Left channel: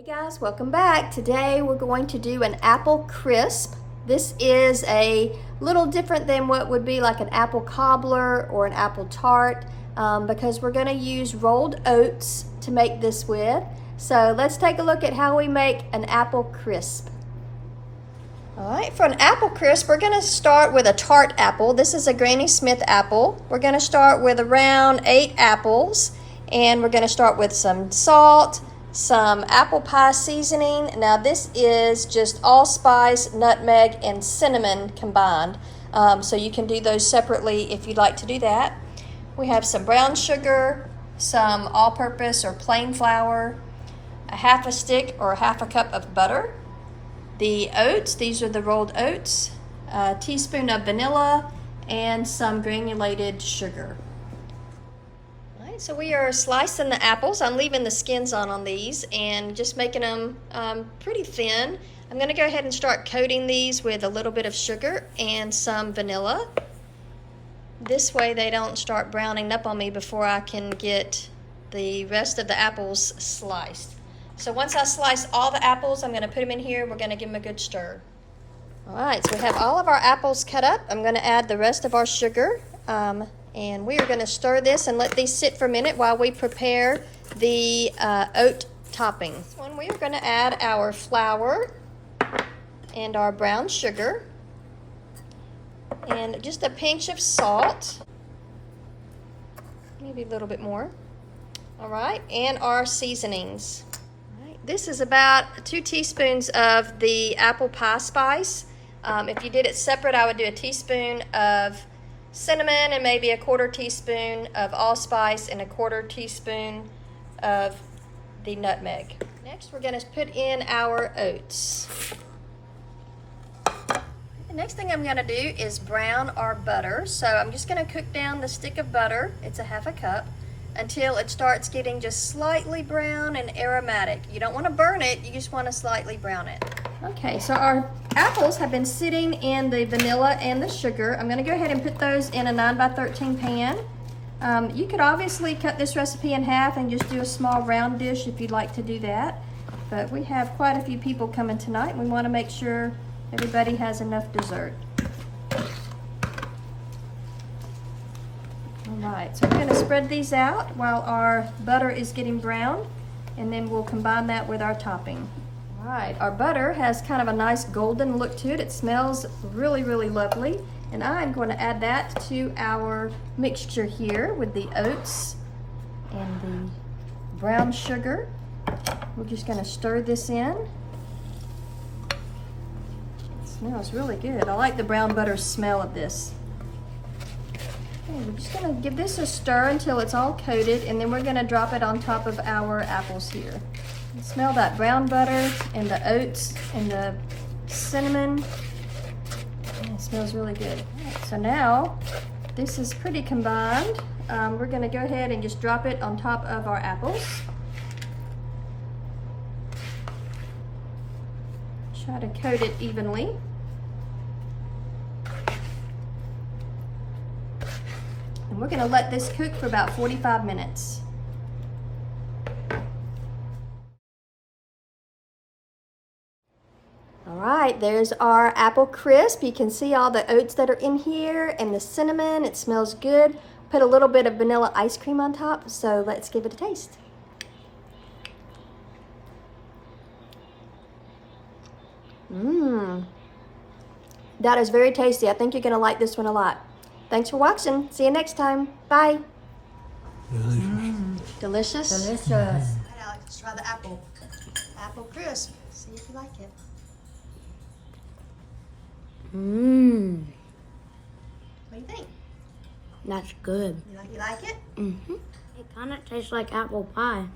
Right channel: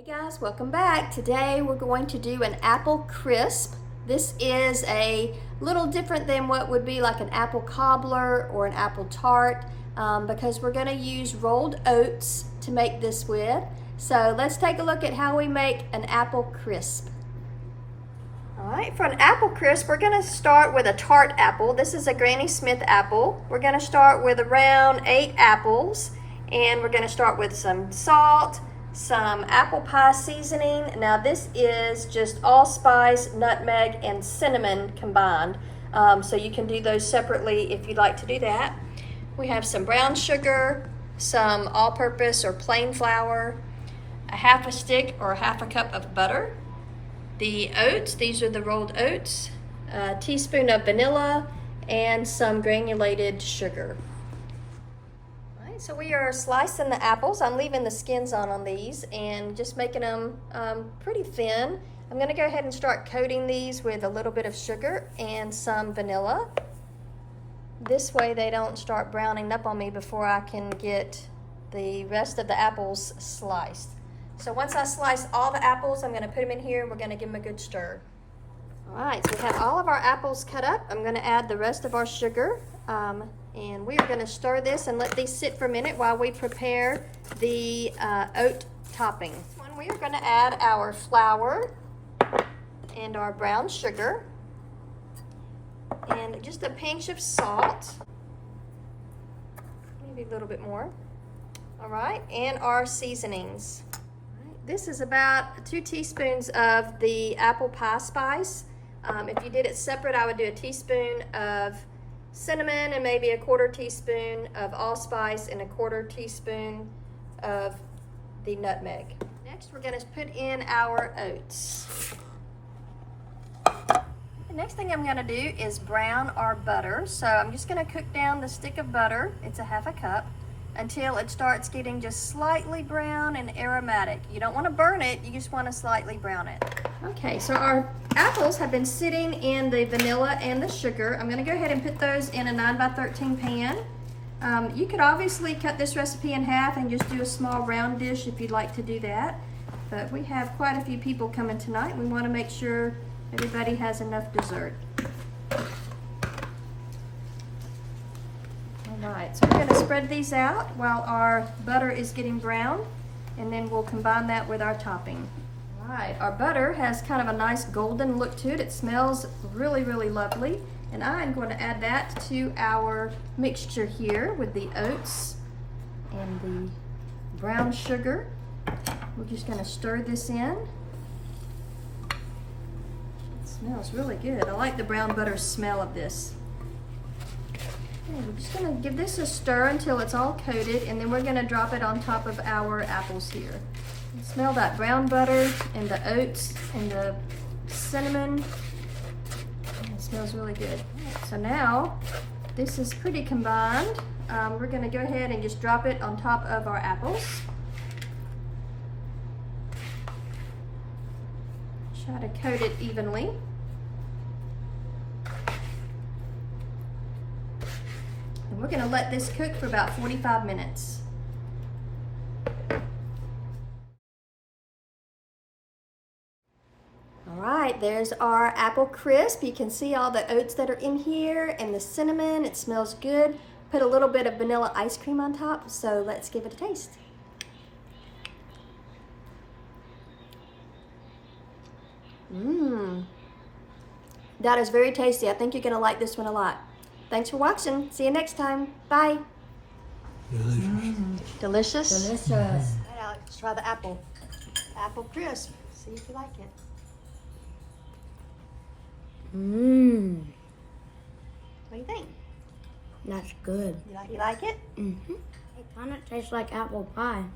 Hey guys, welcome back. Today we're going to do an apple crisp. This is a little different than what would be like an apple cobbler or an apple tart because we're going to use rolled oats to make this with. So let's take a look at how we make an apple crisp. Alright, for an apple crisp, we're going to start with a tart apple. This is a Granny Smith apple. We're going to start with around 8 apples, and we're going to start with some salt, some apple pie seasoning. Now this is just allspice, nutmeg, and cinnamon combined. So you can do those separately if you'd like to do that. We have some brown sugar, some all-purpose or plain flour, a half a stick or half a cup of butter, the oats, these are the rolled oats, a teaspoon of vanilla, and some granulated sugar. So we are slicing the apples. I'm leaving the skins on these and just making them pretty thin. I'm going to go ahead and start coating these with a little bit of sugar and some vanilla. This way they don't start browning up on me before I can get the rest of the apples sliced. So once I slice all the apples, I'm going to put them in here and we're going to give them a good stir. Alright, so we have all of our apples cut up. I'm going to add the rest of our sugar. And we are going to stir this and let these sit for a minute while we prepare the oat topping. This one, we are going to add our flour and our brown sugar and just a pinch of salt, maybe a little bit more. All right, and our seasonings. All right, this is about 2 teaspoons of the apple pie spice. If you did it separate, I would do a teaspoon of cinnamon and maybe a 1/4 teaspoon of allspice and a 1/4 teaspoon of the nutmeg. Next, we're going to put in our oats. The next thing I'm going to do is brown our butter. So I'm just going to cook down the stick of butter, it's a half a cup, until it starts getting just slightly brown and aromatic. You don't want to burn it, you just want to slightly brown it. Okay, so our apples have been sitting in the vanilla and the sugar. I'm going to go ahead and put those in a 9x13 pan. You could obviously cut this recipe in half and just do a small round dish if you'd like to do that. But we have quite a few people coming tonight. We want to make sure everybody has enough dessert. Alright, so we're going to spread these out while our butter is getting browned, and then we'll combine that with our topping. Alright, our butter has kind of a nice golden look to it. It smells really, really lovely. And I'm going to add that to our mixture here with the oats and the brown sugar. We're just going to stir this in. It smells really good. I like the brown butter smell of this. Okay, we're just going to give this a stir until it's all coated, and then we're going to drop it on top of our apples here. Smell that brown butter and the oats and the cinnamon. It smells really good. Right, so now this is pretty combined. We're going to go ahead and just drop it on top of our apples. Try to coat it evenly. And we're going to let this cook for about 45 minutes. Alright, there's our apple crisp. You can see all the oats that are in here and the cinnamon. It smells good. Put a little bit of vanilla ice cream on top, so let's give it a taste. That is very tasty. I think you're going to like this one a lot. Thanks for watching. See you next time. Bye. Delicious? Delicious. All right, Alex, let's try the apple. Apple crisp. See if you like it. Mmm. What do you think? That's good. You like it? Mm-hmm. It kind of tastes like apple pie.